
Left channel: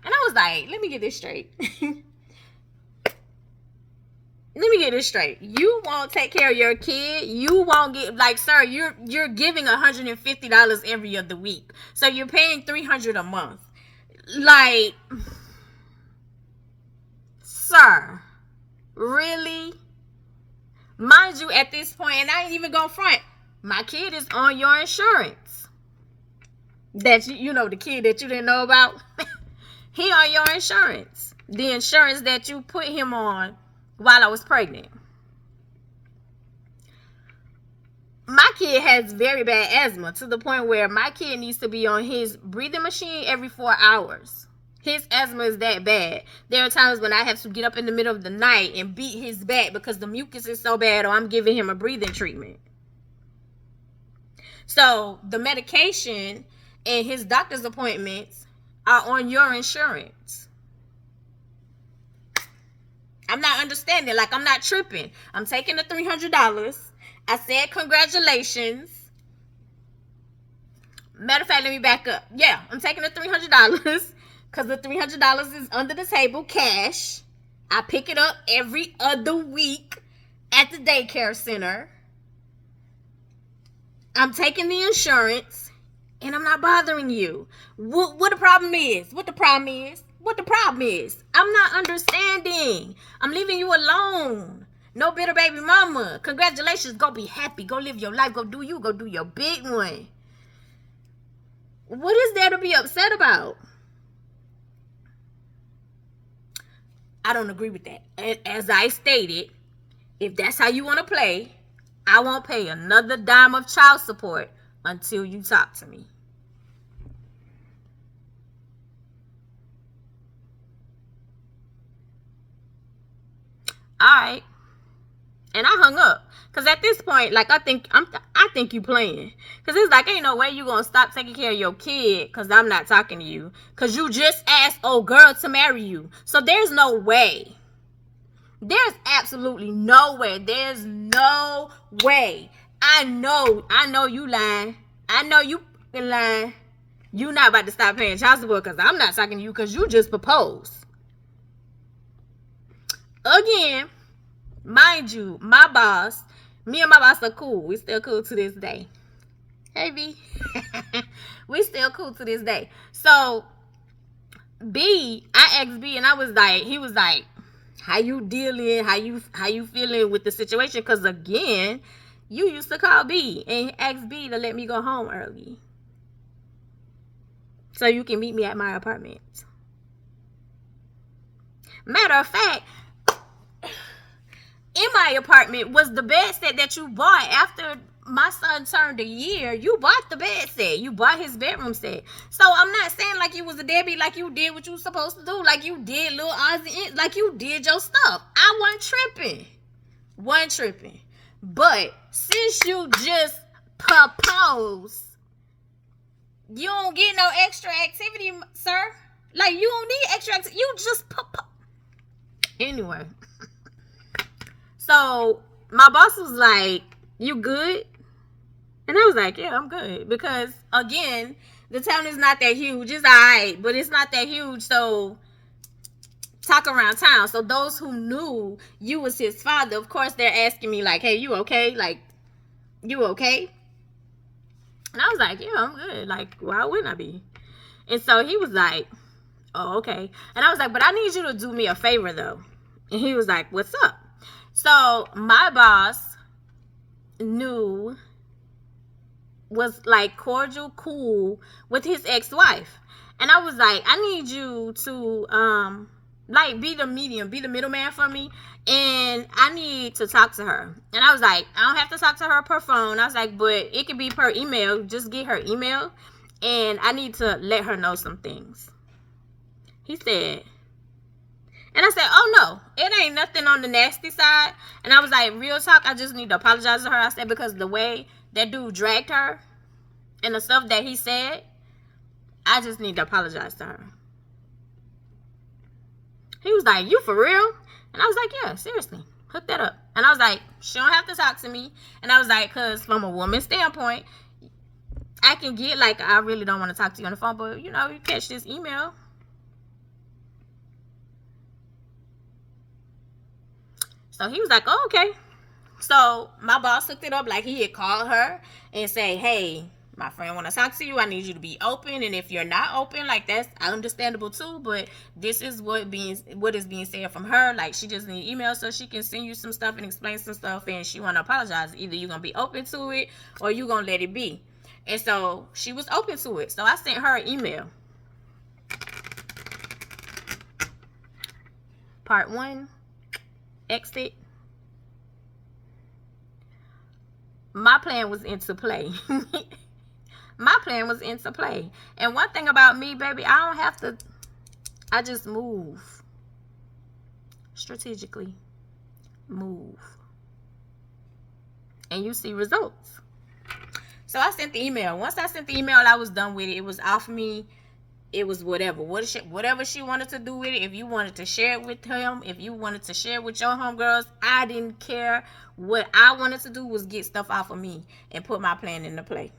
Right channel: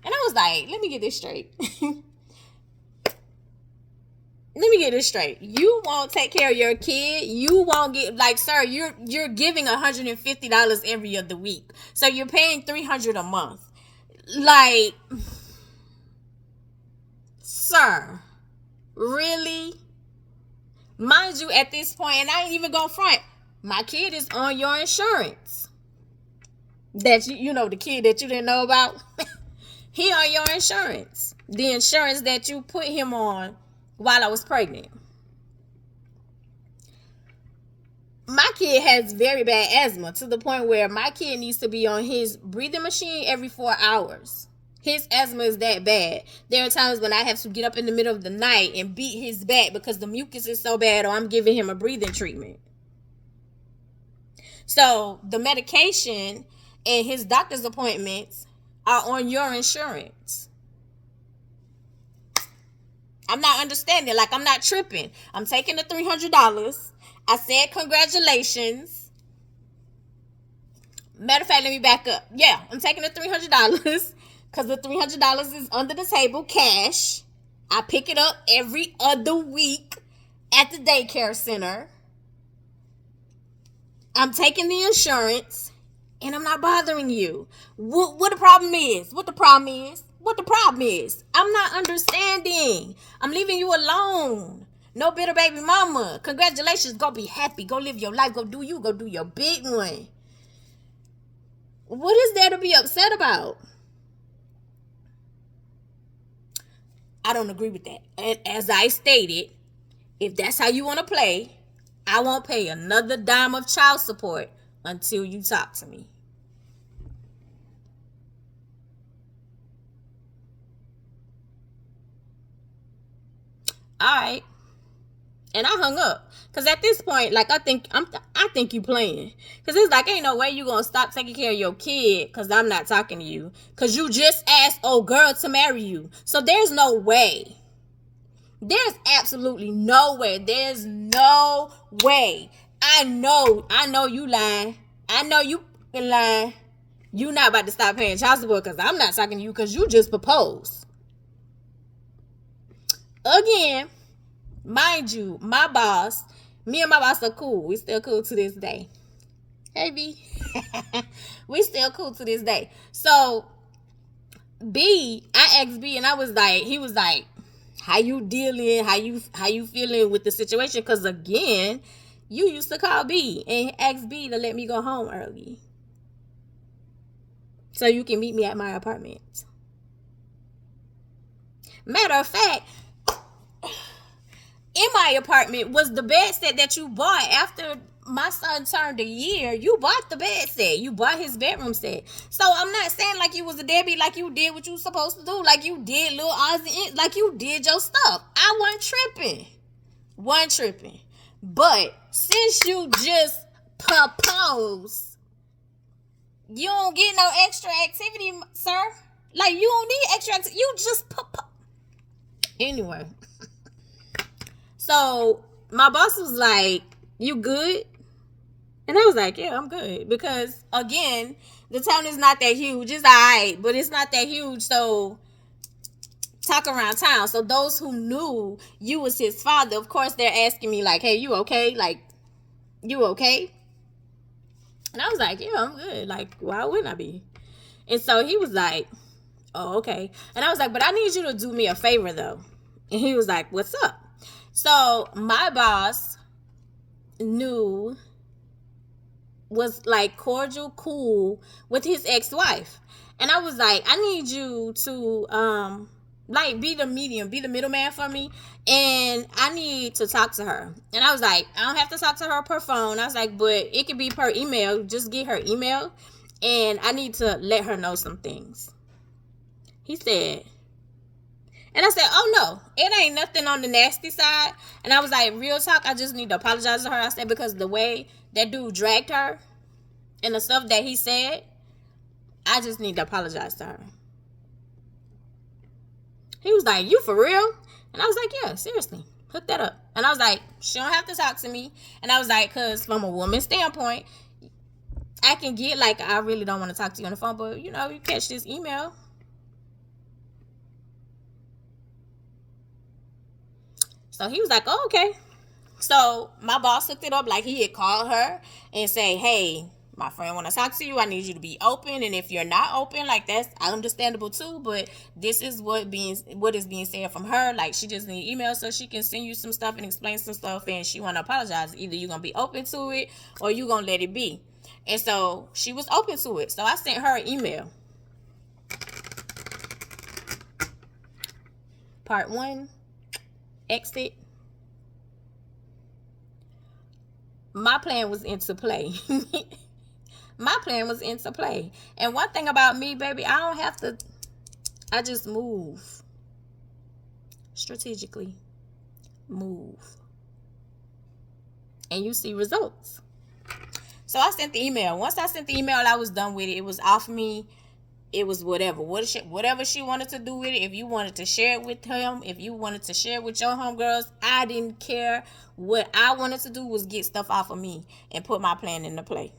And I was like, let me get this straight. You won't take care of your kid. You won't get, like, sir, you're giving $150 every other week. So you're paying $300 a month. Like, sir, really? Mind you, at this point, and I ain't even gonna front, my kid is on your insurance. That the kid that you didn't know about, he on your insurance. The insurance that you put him on while I was pregnant. My kid has very bad asthma to the point where my kid needs to be on his breathing machine every 4 hours. His asthma is that bad. There are times when I have to get up in the middle of the night and beat his back because the mucus is so bad, or I'm giving him a breathing treatment. So the medication and his doctor's appointments are on your insurance. I'm not understanding. Like, I'm not tripping. I'm taking the $300. I said congratulations. Matter of fact, let me back up. Yeah, I'm taking the $300 because the $300 is under the table, cash. I pick it up every other week at the daycare center. I'm taking the insurance. and I'm not bothering you. What the problem is? What the problem is? What the problem is? I'm not understanding. I'm leaving you alone. No bitter baby mama. Congratulations. Go be happy. Go live your life. Go do you. Go do your big one. What is there to be upset about? I don't agree with that. And as I stated, if that's how you want to play, I won't pay another dime of child support until you talk to me. All right. And I hung up. Cause at this point, like I think you playing. Cause it's like ain't no way you gonna stop taking care of your kid cause I'm not talking to you. Cause you just asked old girl to marry you. So there's no way. There's absolutely no way. There's no way. I know you lying. I know you lying. You not about to stop paying child support because I'm not talking to you because you just proposed. Again, mind you, me and my boss are cool. We still cool to this day. Hey, B. We still cool to this day. So, I asked B and he was like, how you dealing? How you feeling with the situation? Because again, you used to call B and ask B to let me go home early. So you can meet me at my apartment. Matter of fact, in my apartment was the bed set that you bought after my son turned a year. You bought the bed set. You bought his bedroom set. So I'm not saying like you was a deadbeat, like you did what you was supposed to do, like you did little odds and like you did your stuff. I wasn't tripping. But since you just proposed, you don't get no extra activity, sir. Like you don't need extra activity. You just anyway. So my boss was like, you good? And I was like, yeah, I'm good. Because again, the town is not that huge. It's all right, but it's not that huge. So talk around town. So those who knew you was his father, of course, they're asking me like, hey, you okay? Like, you okay? And I was like, yeah, I'm good. Like, why wouldn't I be? And so he was like, oh, okay. And I was like, but I need you to do me a favor, though. And he was like, what's up? So my boss was like cordial, cool with his ex-wife. And I was like, I need you to like be the medium, be the middleman for me. And I need to talk to her. And I was like, I don't have to talk to her per phone. I was like, but it could be per email. Just get her email. And I need to let her know some things. He said, and I said, oh no, it ain't nothing on the nasty side. And I was like, real talk, I just need to apologize to her. I said, because the way that dude dragged her and the stuff that he said, I just need to apologize to her. He was like, you for real? And I was like, yeah, seriously, hook that up. And I was like, she don't have to talk to me. And I was like, because from a woman's standpoint, I can get like, I really don't want to talk to you on the phone, but you know, you catch this email. So he was like, oh, okay. So my boss hooked it up like he had called her and say, hey, my friend want to talk to you. I need you to be open. And if you're not open, like that's understandable too. But this is what is being said from her. Like she just need email so she can send you some stuff and explain some stuff. And she want to apologize. Either you're going to be open to it or you're going to let it be. And so she was open to it. So I sent her an email. Part 1, exit. My plan was into play. My plan was into play. And one thing about me, baby, I just move. Strategically. Move. And you see results. So I sent the email. Once I sent the email, I was done with it. It was off me. It was whatever. Whatever she wanted to do with it. If you wanted to share it with him, if you wanted to share it with your homegirls, I didn't care. What I wanted to do was get stuff off of me and put my plan into play.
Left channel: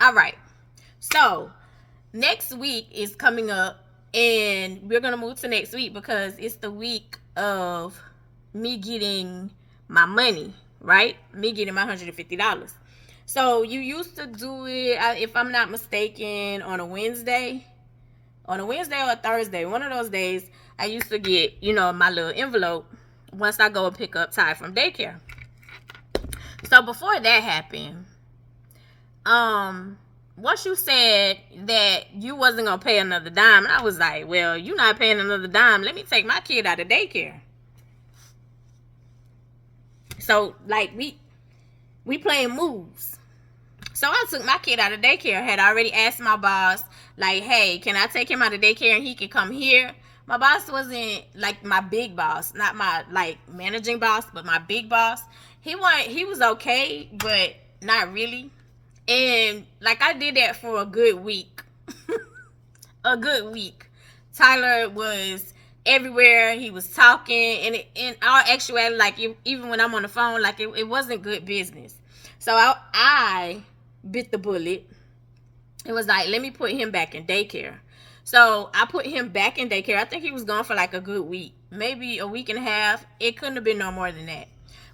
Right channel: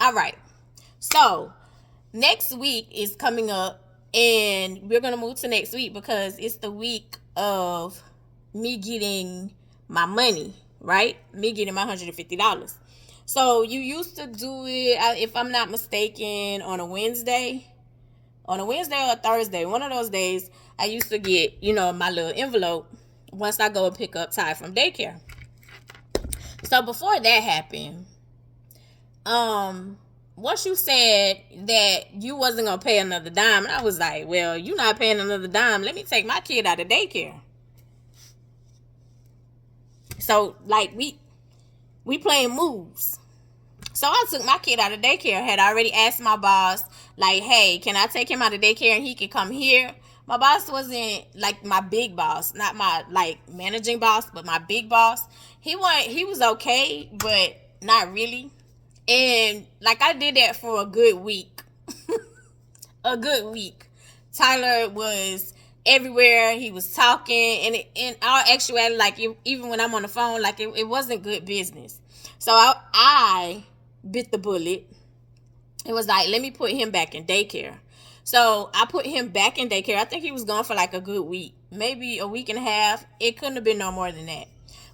All right. So next week is coming up and we're going to move to next week because it's the week of me getting my money, right? Me getting my $150. So you used to do it, if I'm not mistaken, on a Wednesday. On a Wednesday or a Thursday, one of those days, I used to get, my little envelope once I go and pick up Ty from daycare. So before that happened, once you said that you wasn't gonna pay another dime, and I was like, well, you're not paying another dime. Let me take my kid out of daycare. So like we playing moves. So I took my kid out of daycare. Had already asked my boss, like, hey, can I take him out of daycare and he can come here? My boss wasn't like my big boss, not my like managing boss, but my big boss. He was okay, but not really. And like I did that for a good week. A good week. Tyler was everywhere. He was talking, and in all actuality, like even when I'm on the phone, like it wasn't good business. So I bit the bullet. It was like, let me put him back in daycare. So I put him back in daycare. I think he was gone for like a good week, maybe a week and a half. It couldn't have been no more than that.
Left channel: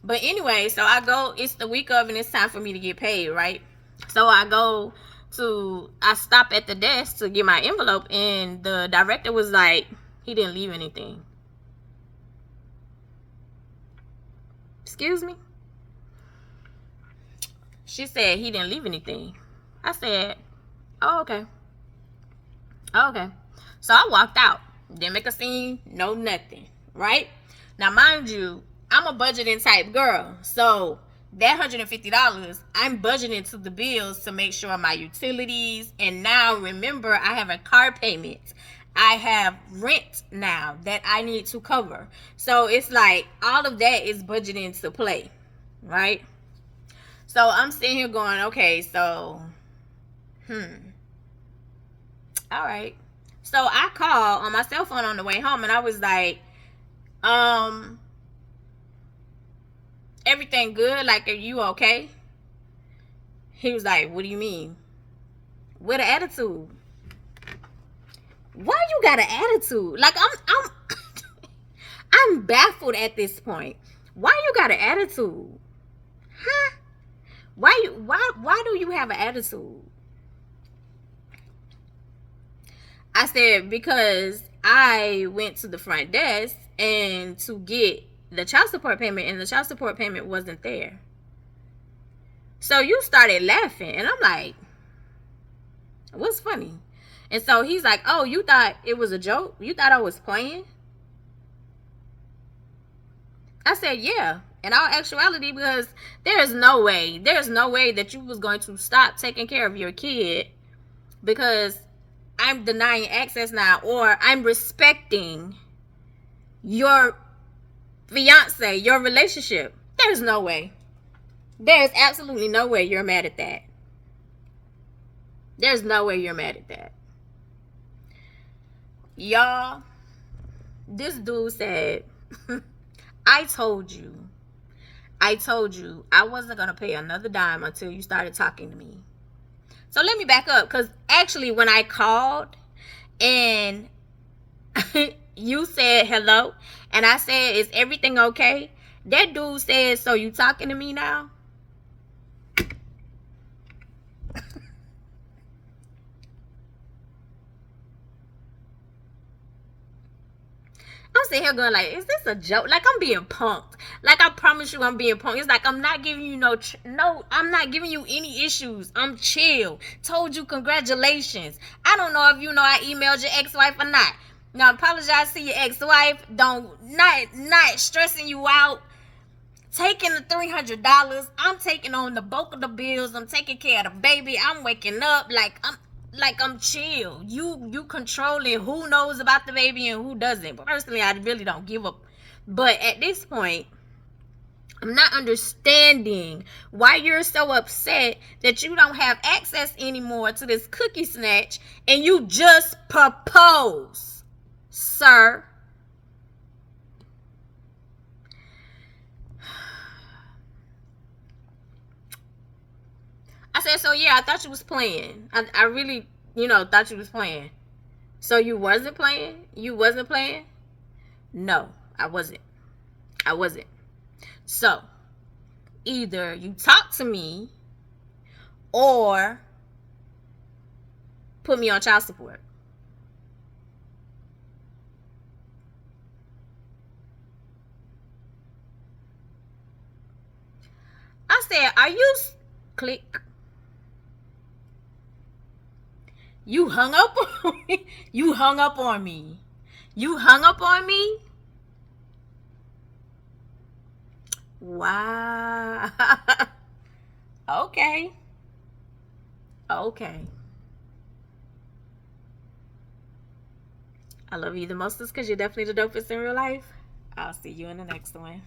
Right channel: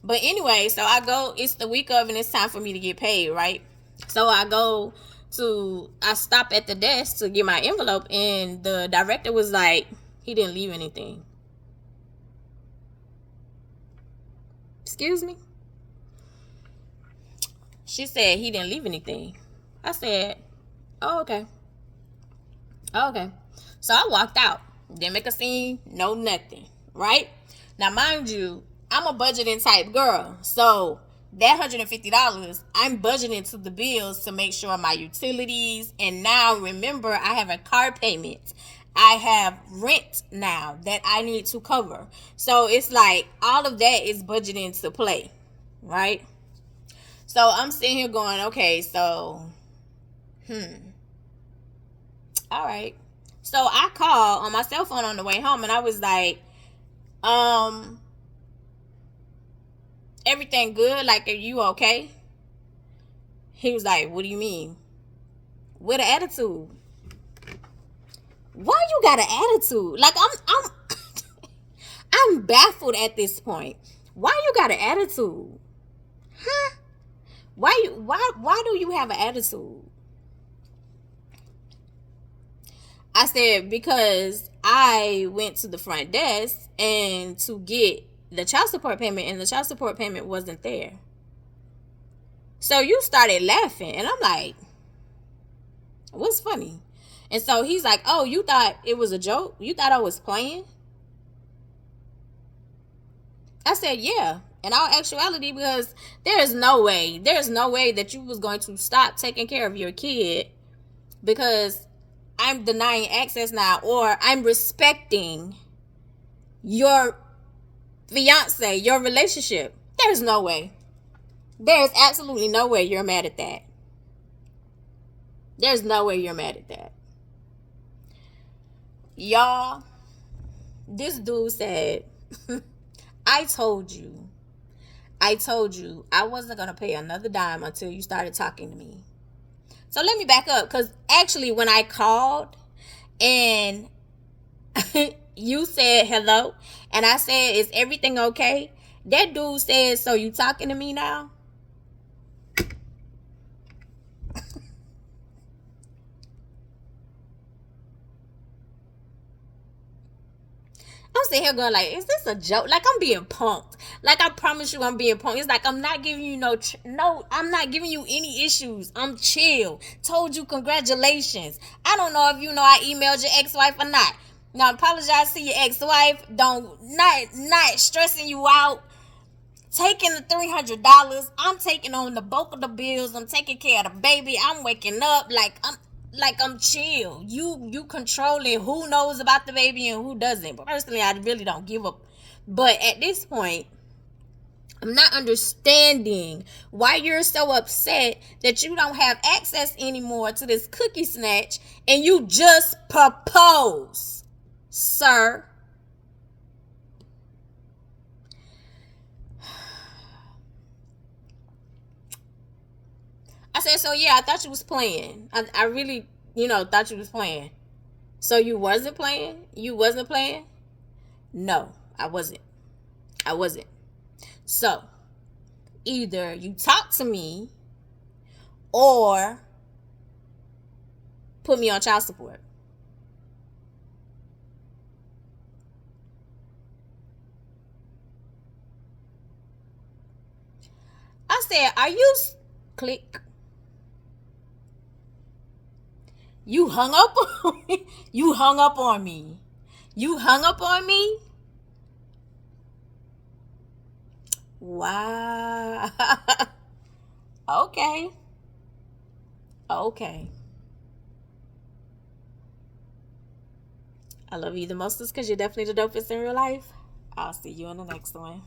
But anyway, so I go, it's the week of, and it's time for me to get paid, right? So I stop at the desk to get my envelope, and the director was like, he didn't leave anything. Excuse me? She said he didn't leave anything. I said, oh, okay. Oh, okay. So I walked out. Didn't make a scene, no nothing, right? Now, mind you, I'm a budgeting type girl. So that $150, I'm budgeting to the bills to make sure my utilities. And now, remember, I have a car payment. I have rent now that I need to cover. So it's like all of that is budgeting to play, right? So I'm sitting here going, okay, so, all right. So I called on my cell phone on the way home, and I was like, everything good? Like, are you okay? He was like, what do you mean? With an attitude. Why you got an attitude? Like, I'm I'm baffled at this point. Why you got an attitude? Huh? Why do you have an attitude? I said, because I went to the front desk and to get the child support payment, and the child support payment wasn't there. So you started laughing, and I'm like, what's funny? And so he's like, oh, you thought it was a joke? You thought I was playing? I said, yeah. In all actuality, because there's no way that you was going to stop taking care of your kid because I'm denying access now, or I'm respecting your fiance, your relationship. There's no way. There's absolutely no way you're mad at that. There's no way you're mad at that. Y'all, this dude said, I told you I wasn't going to pay another dime until you started talking to me. So let me back up, because actually when I called and you said hello and I said, is everything okay? That dude said, so you talking to me now? I'm sitting here going like, is this a joke? Like, I'm being punked. Like, I promise you I'm being punked. It's like, I'm not giving you I'm not giving you any issues. I'm chill. Told you congratulations. I don't know if you know I emailed your ex-wife or not. Now, apologize to your ex-wife. Not stressing you out. Taking the $300. I'm taking on the bulk of the bills. I'm taking care of the baby. I'm waking up I'm chill. You controlling who knows about the baby and who doesn't. But personally, I really don't give up. But at this point, I'm not understanding why you're so upset that you don't have access anymore to this cookie snatch and you just propose, sir. I said, so yeah, I thought you was playing. I really, thought you was playing. So you wasn't playing? You wasn't playing? No, I wasn't. So either you talk to me or put me on child support. I said, are you click? You hung up on me. You hung up on me. You hung up on me? Wow. Okay. Okay. I love you the most because you're definitely the dopest in real life. I'll see you in the next one.